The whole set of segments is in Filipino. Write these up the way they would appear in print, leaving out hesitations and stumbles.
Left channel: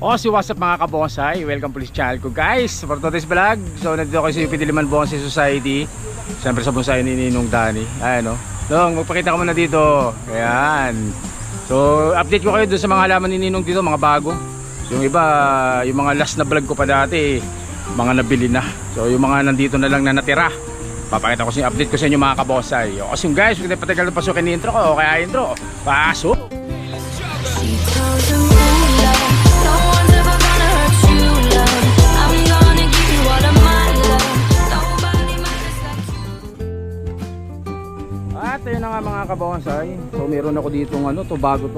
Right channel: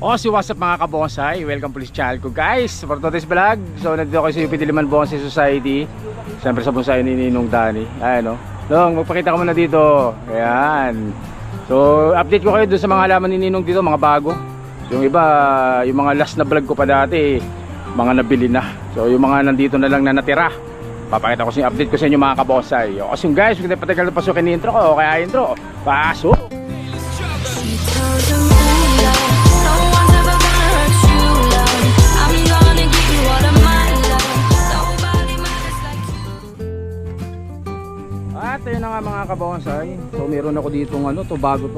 O si what's up mga kabonsai, welcome po sa channel ko guys for today's vlog. So nandito ako sa UP Diliman Bonsai Society, siyempre sa bonsai ni Ninong Danny. Ayan o, Dong, magpakita ka muna dito. Ayan. So update ko kayo doon sa mga halaman ni Ninong dito, mga bago. So yung iba, yung mga last na vlog ko pa dati, mga nabili na. So yung mga nandito na lang na natira, papakita ko sa update ko sa inyo mga kabonsai. O kasi yung guys, huwag na patagal na pasukin ni intro ko, kaya intro, pasok! At ayun na nga mga kabonsai. So meron ako ditong ano, to bago.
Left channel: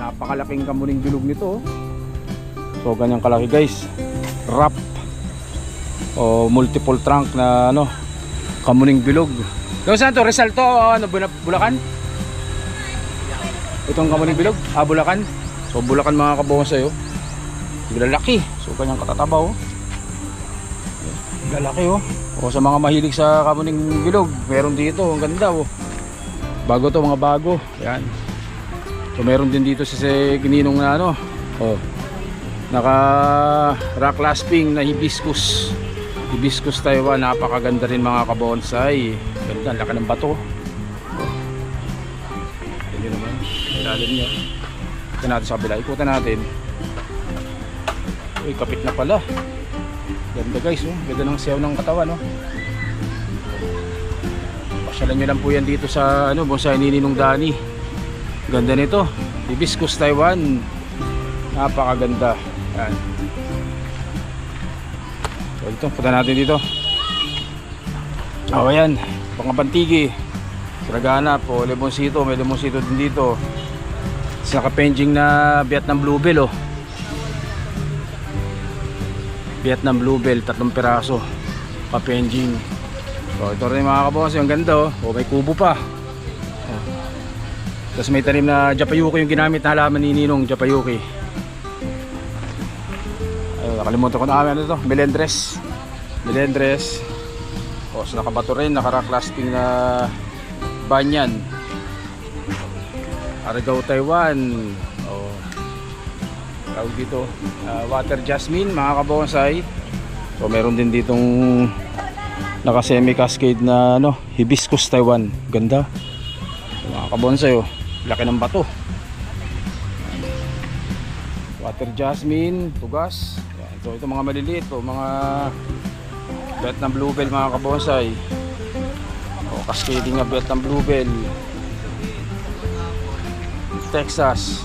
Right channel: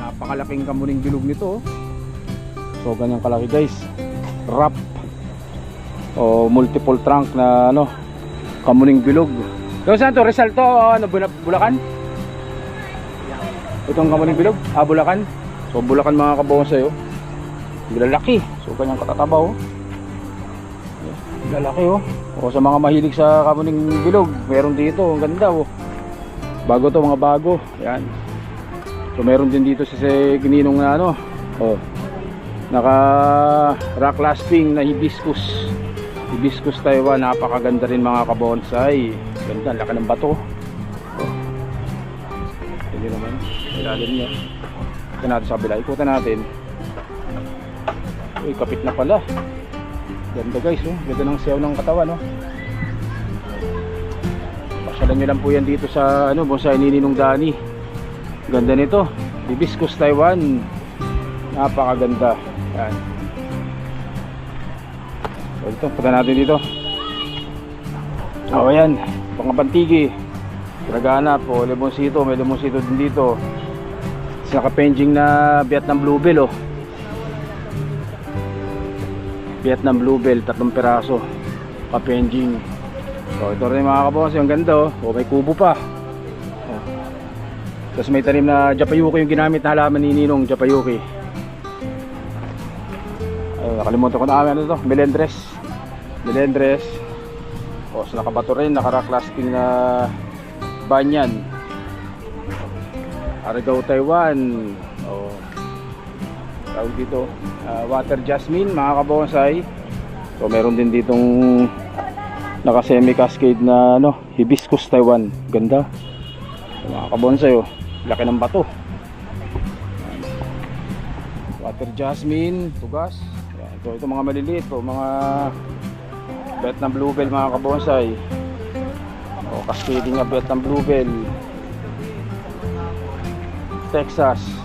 Napakalaking kamuning bilog nito. So ganyan kalaki guys. Wrap o multiple trunk na ano, kamuning bilog. So saan to? Rizal to? Ano, Bulacan? Itong kamuning bilog? Bulacan. So Bulacan mga kabonsai oh. Lalaki. So kanyang katatabaw. Lalaki oh. O sa mga mahilig sa kamuning bilog, meron dito, ang ganda oh. Bago to, mga bago. Yan. So meron din dito sa Ninong na ano. Oh. Naka rock clasping na hibiscus. Hibiscus Taiwan, napakaganda rin mga kabonsai. Ganda, laki ng bato. Hindi naman. Ilalim niya. Ikutan natin sa kabila. Ikutan natin. Uy, kapit na pala. Ganda guys, oh. Ganda ng siyaw ng katawan, no? Pasyalan nyo lang po yan dito sa ano, bonsai ni Ninong Danny. Ganda nito. Hibiscus Taiwan. Napakaganda. Yan. So ito, punta natin dito. O yan, pangapantigi. Siragana po, limonsito. May limonsito din dito. Sa nakapenjing na Vietnam Bluebell, oh. Vietnam Bluebell, 3 piraso. Kapenjing. So ito rin mga kabonsai, ang ganda oh. O may kubo pa. Tapos may tanim na Japayuki yung ginamit na halaman ni Ninong, Japayuki. Nakalimutan ko na ano ito, Melendres. O so nakabato rin, naka-rock clasping na banyan. Argao Taiwan. O tawag dito, water jasmine mga kabonsai. So meron din ditong naka semi cascade na ano, hibiscus Taiwan. Ganda mga kabonsai oh. Laki ng bato. Water jasmine, tugas. Yan. Ito mga maliliit po, mga Vietnam Bluebell mga kabonsai. O cascading na Vietnam Bluebell. Texas.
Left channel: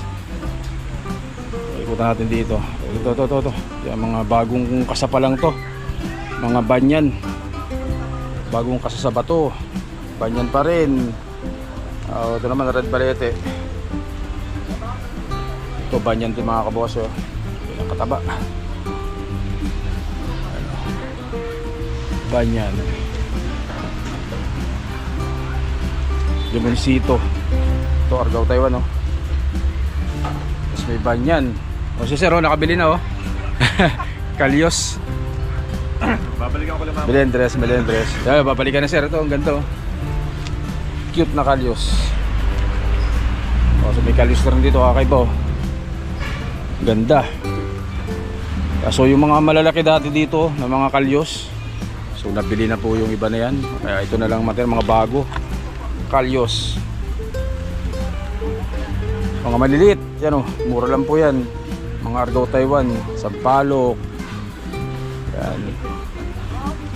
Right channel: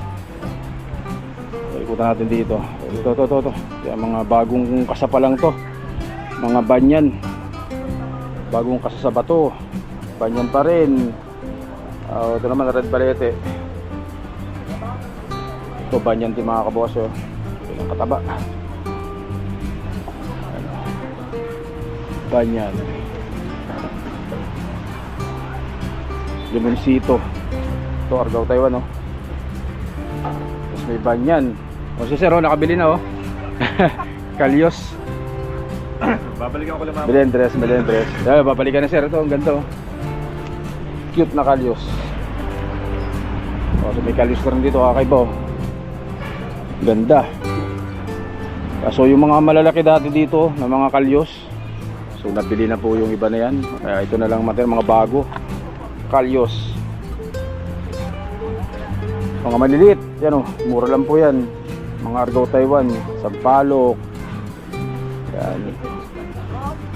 Ikutan natin dito. Ito. Yan, mga bagong kasapalang to. Mga banyan. Bagong kasa sa bato. Banyan pa rin. Ito naman red balete. Ito banyan din mga kaboso. Ito kataba. Banyan. Limonsito. Ito Argao Taiwan oh. Tapos may banyan. O si Sir oh, nakabili na oh. Kalyos. Babalikan ko lang mga Melendres. Yeah, babalikan na sir. Ito, ang ganda oh. Cute na kalyos. So may kalyos rin dito, kakaiba oh. Ganda. So yung mga malalaki dati dito na mga kalyos, so nabili na po yung iba na yan. Kaya ito na lang mga bago kalyos. Mga maliliit, yan oh, mura lang po yan. Mga Argao Taiwan, sampalok. Yan.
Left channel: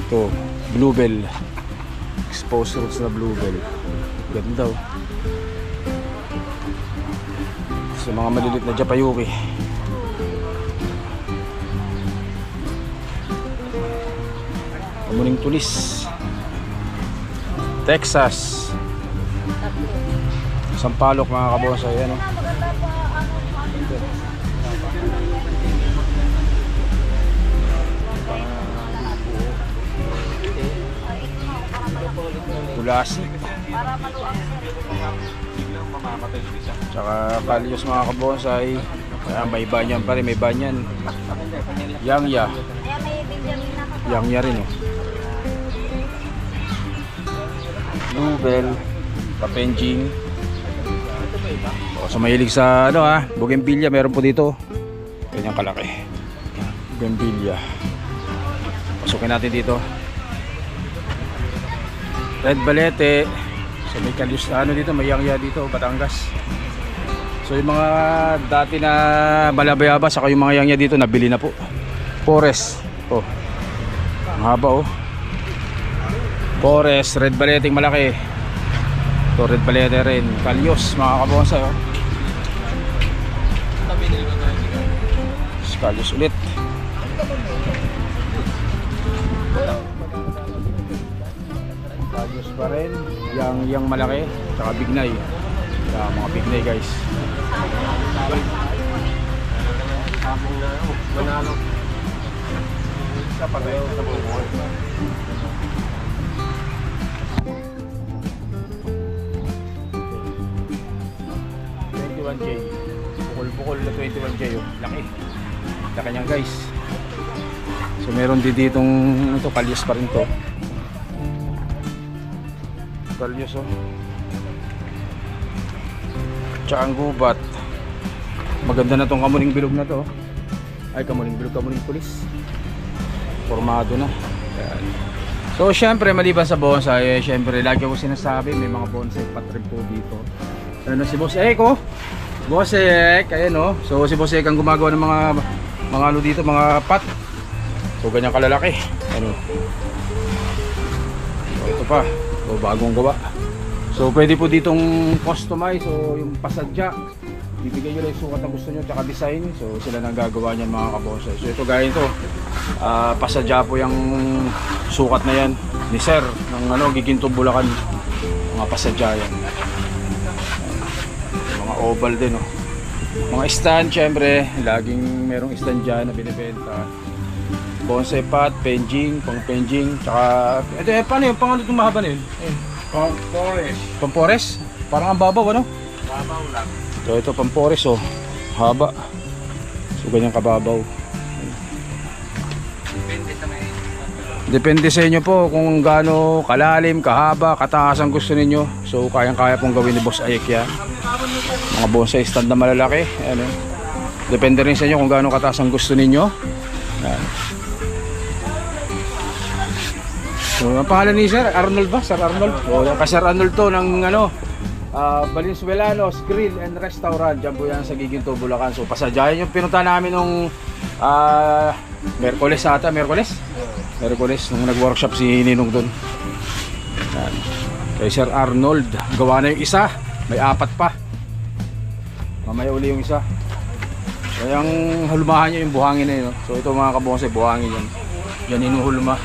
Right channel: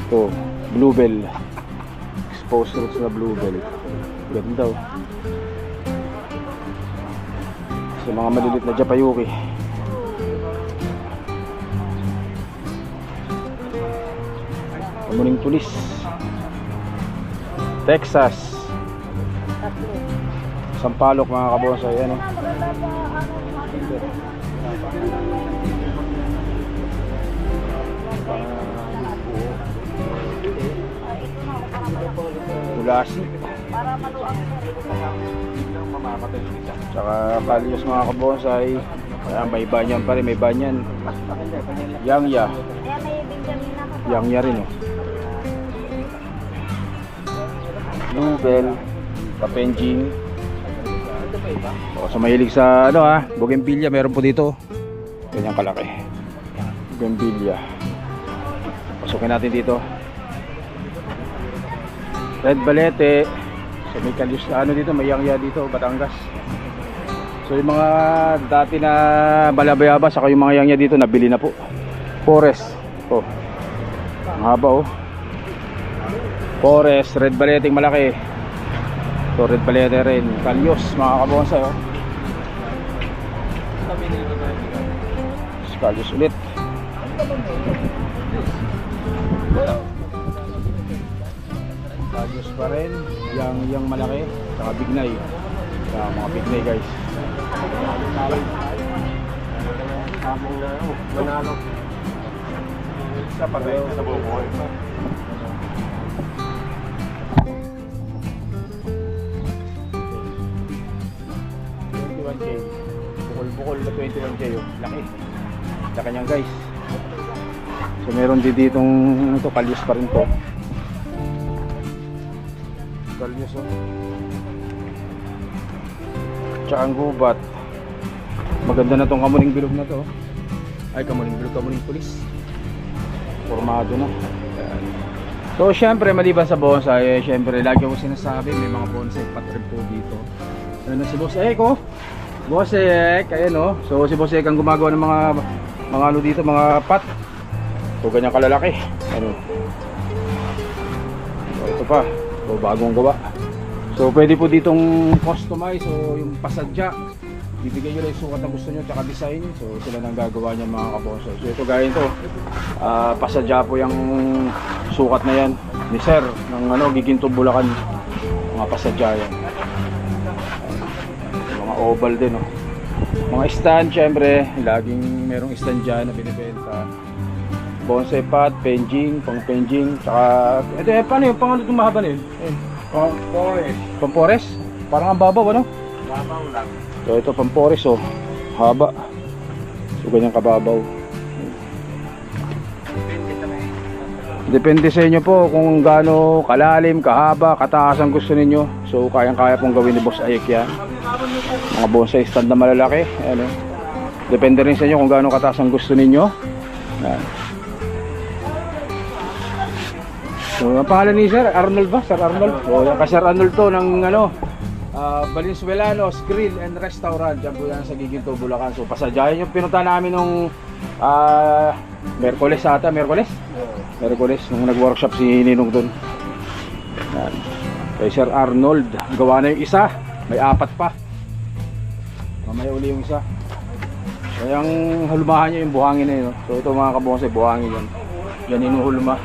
Ito, bluebell. Exposed roots na bluebell. Ganda oh. So mga malilit na Japayuki. Kamuning tulis. Texas. Sampalok mga kabonsai, ano. Tulasi. Tsaka kalyos mga kabonsai. May banyan pa rin, may banyan. Yangya rin oh. Bluebell, kapenjing. O, sa mahilig sa ano bougainvillea, meron po dito. Ganyan kalaki. Bougainvillea. Pasukin natin dito. Red Balete. So may kalyus na ano dito, may yangya dito, Batangas. So yung mga dati na balabayaba saka yung mga yangya dito nabili na po. Forest. Oh. Ang haba oh. Forest, Red Balete malaki. So Red Balete rin, kalyus mga kabonsay oh. Kalyus ulit. Kalyus pa rin, yang malaki, saka bignay. Saka mga bignay guys. Manalo. Sa patay sa buhay. 21K. Bukol-bukol na 21K oh. Laki. Laki niyan guys. So meron din ditong ito, kalyus pa rin to. Kalyus oh. Tsaka ang gubat. Maganda na tong kamuning bilog na to. Ay kamuning bilog, kamuning pulis. Formado na. Ayan. So syempre maliban sa bonsai, syempre lagi ko sinasabi may mga bonsai patrip po dito. Ano si Boss Ek oh. Boss Ek, ayan oh. So si Boss Ek ang gumagawa ng mga ano dito, mga pot. So ganyan kalalaki. Ano? So, ito pa. So bagong gawa. So pwede po ditong customize o yung pasadya. Bibigyan nyo lang yung sukat na gusto nyo tsaka design. So sila nang gagawa niyan mga kabonsai. So ito gaya ito. Pasadya po yung sukat na yan ni Sir ng ano, Giginto Bulacan. Mga pasadya yan. Mga oval din oh. Mga stand syempre, laging merong stand dyan na binibenta. Bonsai pot, penjing, pang penjing, tsaka ito paano yung pang ano itong mahaba na yun? Pampores. Pampores? Parang ang babaw ano? Babaw lang. So ito pampores oh, haba. So ganyan kababaw. Depende sa inyo po kung gaano kalalim, kahaba, kataas ang gusto ninyo. So kayang-kaya pong gawin ni Boss Ayek yan. Mga bonsai stand na malalaki. Ano? Depende rin sa inyo kung gaano kataas ang gusto ninyo. Yan. So ang pangalan ni Sir Arnold ba? Sir Arnold? O yung ka Sir Arnold to ng ano, Valenzuelanos Grill and Restaurant. Diyan po yan sa Giginto, Bulacan. So pasadyahin yung pinunta namin nung Merkules ata, Merkules nung nag-workshop si Ninong doon. Kay Sir Arnold, gawa na yung isa, may 4 pa. Mamaya uli yung isa. So yung hulmahan niya yung buhangin na yun. So ito mga kabonsai, buhangin yan. Yan inuhulma.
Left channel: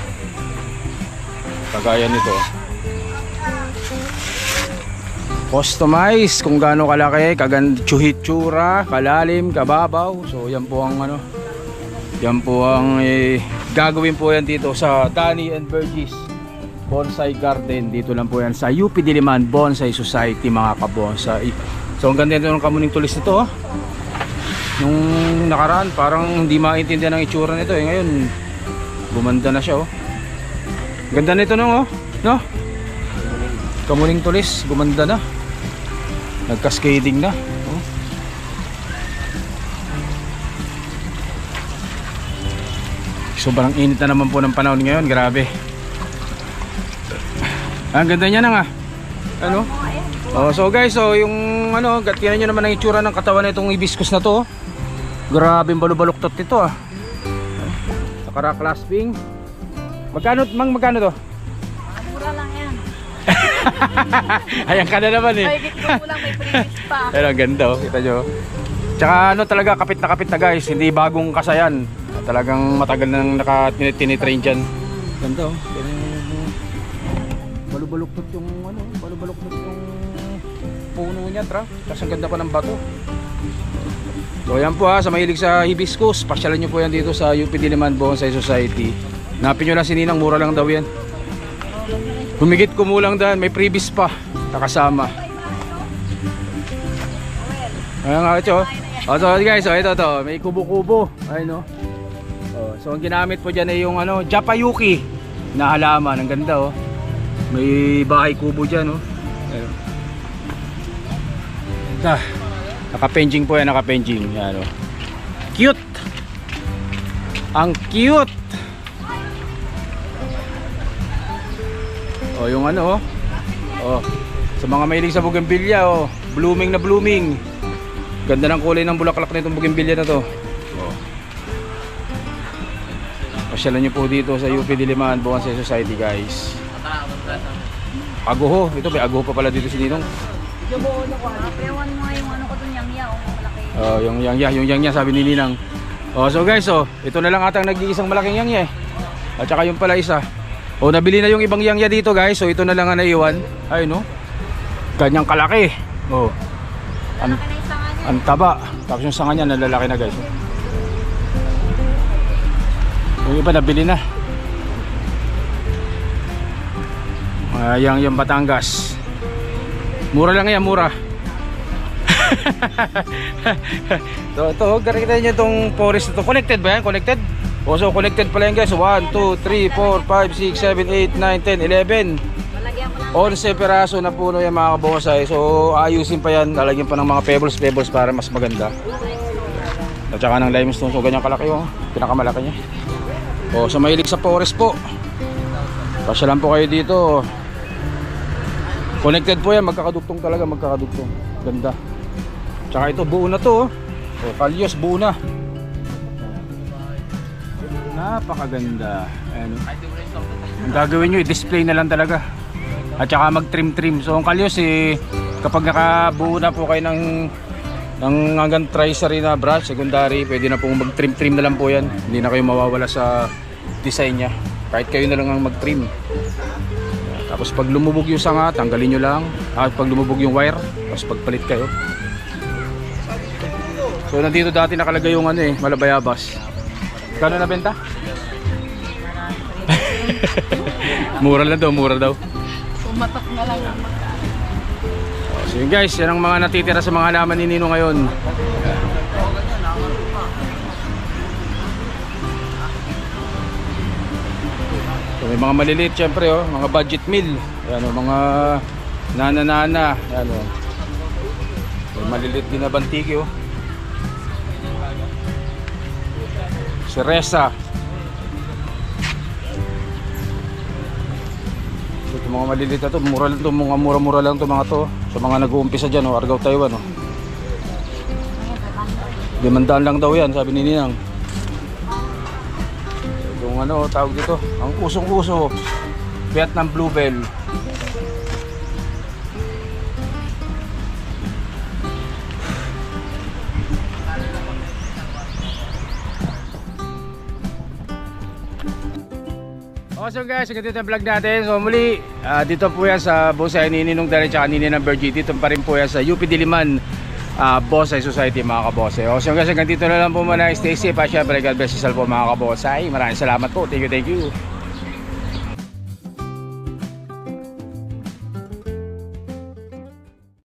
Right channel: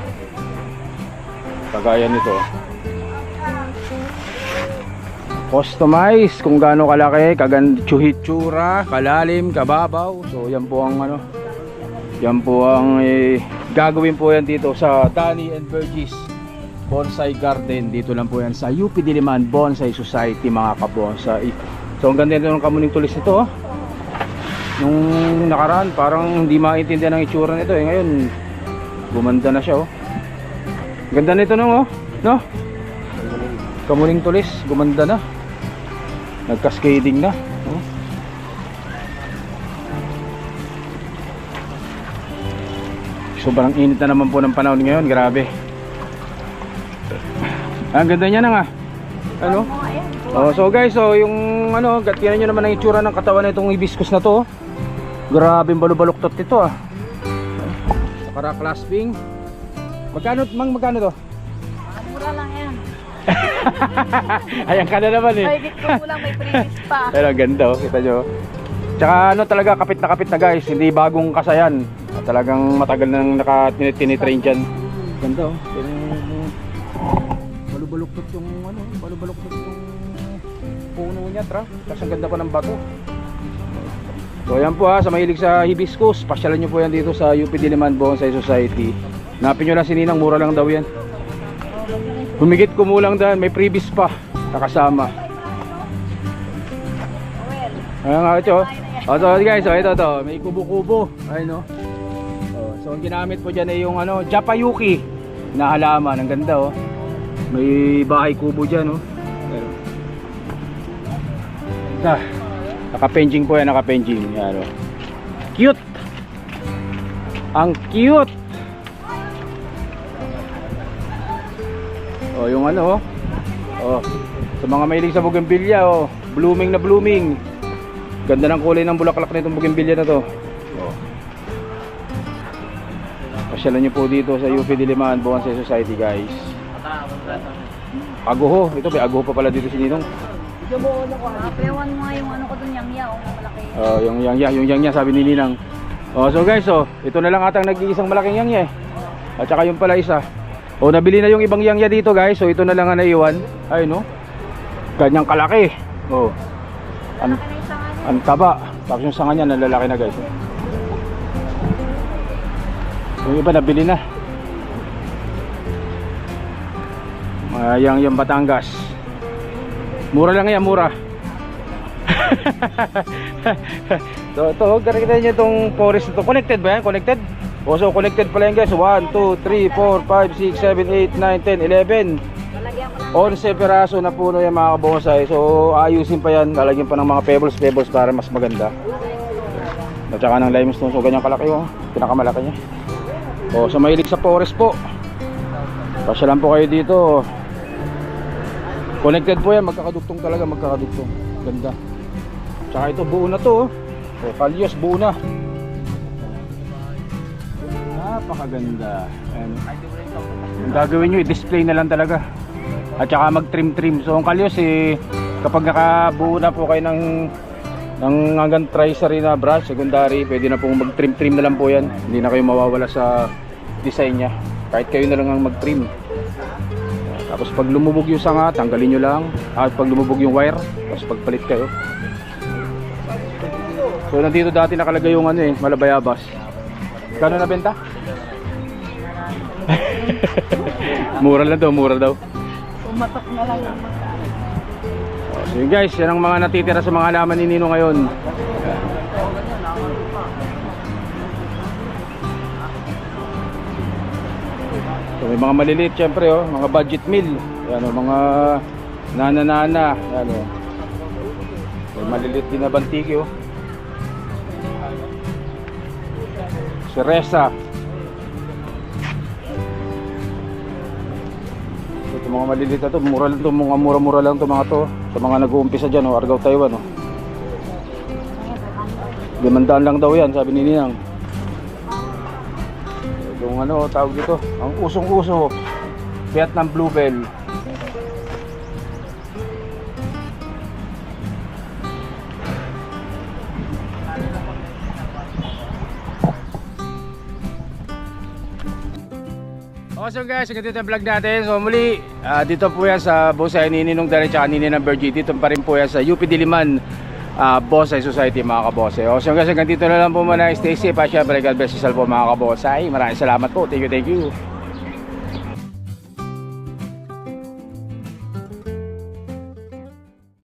Kagaya nito. Customize kung gaano kalaki, hitsura, kalalim, kababaw. So yan po ang ano. Yan po ang gagawin po yan dito sa Danny and Burgess Bonsai Garden. Dito lang po yan sa UP Diliman Bonsai Society mga kabonsai. So ang ganda nito ng kamuning tulis nito oh. Nung nakaraan parang hindi maintindihan ang itsura nito eh. Ngayon gumanda na siya oh. Ganda nito no oh. No? Kamuning tulis gumanda na. Nagka-shading na oh. Sobrang init na naman po ng panahon ngayon, grabe. Ang ganda niya na nga. Ano? Oh, so guys, so yung ano, tingnan niyo naman ang itsura ng katawan nitong hibiscus na to. Grabe yung balubaluktot nito ah. Saka clasping. Magkano to? Mura lang yan. Ayan ka na naman eh. Ay, ko lang may previous pa. Pero ang ganda oh, kita nyo. Tsaka ano talaga, kapit na guys, hindi bagong kasayan. Talagang matagal nang tinitrain dyan. Ganda oh. Balubaluktot yung ano, balubaluktot yung puno niya, tra. Tapos ang ganda pa ng bato. So ayan po ha, sa mahilig sa hibiscus, pasyalan nyo po yan dito sa UP Diliman Bonsai Society. Hanapin nyo lang si Ninang, mura lang daw yan. Humigit kumulang dahil, may previous pa nakasama. Ayan nga ito. So guys, so ito to, may kubo-kubo. Ayun no. So ang ginamit po dyan ay yung ano, Japayuki na halaman. Ang ganda oh. May bahay kubo dyan oh. Ayun. Naka-penjing po yan, naka-penjing. Yan oh. cute. Ang cute. Oh, yung ano oh. Oh, sa mga mahilig sa bougainvillea oh, blooming na blooming. Ganda ng kulay ng bulaklak nitong bougainvillea na to. Oh. Pasyalan nyo po dito sa UP Diliman Bonsai Society, guys. Aguho, ito may aguho pa pala dito si Ninong. Pewan mo nga yung ano ko dun, yang yaw, malaki. Oh, yung yangya sabi ni Ninang. Oh, so guys, oh, ito na lang atang nag-iisang malaking yangya eh. At saka yung pala isa. Oh, nabili na yung ibang yangya dito, guys. So ito na lang ang naiwan. Ay no. Ganyang kalaki. Oh. Ang, Malaki na yung sanga niya. ang taba. Tapos yung sanga niya nalalaki na, guys. Yung iba nabili na. Yung Batangas. Mura lang yan, mura. Ito, kita nyo itong forest na to. Connected ba yan? Connected? O, so connected pala yan, guys. 1, 2, 3, 4, 5, 6, 7, 8, 9, 10, 11. Malagyan ko lang. 11 peraso na puno yan, mga kabonsai. So ayusin pa yan. Lalagyan pa ng mga pebbles para mas maganda. At saka ng limestone. So ganyan kalaki yung pinakamalaki niya. O, sa mahilig sa forest po, pasyalan po kayo dito. Connected po yan, magkakadugtong talaga, magkakadugtong. Ganda. Tsaka ito buo na to. O, kalyos buo na. Napakaganda. And ang gagawin nyo, i-display na lang talaga. At saka mag-trim-trim. So ang kalyos kapag nakabuo na po kayo ng hanggang tricery na brush, secondary, pwede na pong mag-trim-trim na lang po yan. Hindi na kayo mawawala sa design nya. Kahit kayo na lang ang mag-trim. Tapos pag lumubog yung sanga, tanggalin nyo lang. At pag lumubog yung wire, tapos pagpalit kayo. So nandito dati nakalagay yung Malabayabas. Kano na benta? Mura lang daw, mura daw. Umatak na lang ang So yun guys, yan ang mga natitira sa mga halaman ni Nino ngayon. So, may mga maliliit syempre oh, mga budget meal. Yan oh, mga nana-nana. Yan oh. May maliliit din na bantiki oh. Cereza. Ito mga maliliit na to, mura lang to, mga mura-mura lang to mga to. Sa mga nag-uumpisa dyan oh, Argao, Taiwan oh. 500 lang daw yan, sabi ni Ninang. Yung tawag dito, ang usong-uso, Vietnam Bluebell. So guys, ganito yung vlog natin. So muli, dito po yan sa bonsai ni Ninong Danny at ni Ninang Bergie. Dito pa rin po yan sa UP Diliman Bonsai Society, mga kabonsai. So guys, hanggang dito na lang po muna. Stay safe. Siyempre, God bless you all po, mga kabonsai. Maraming salamat po. Thank you, thank you.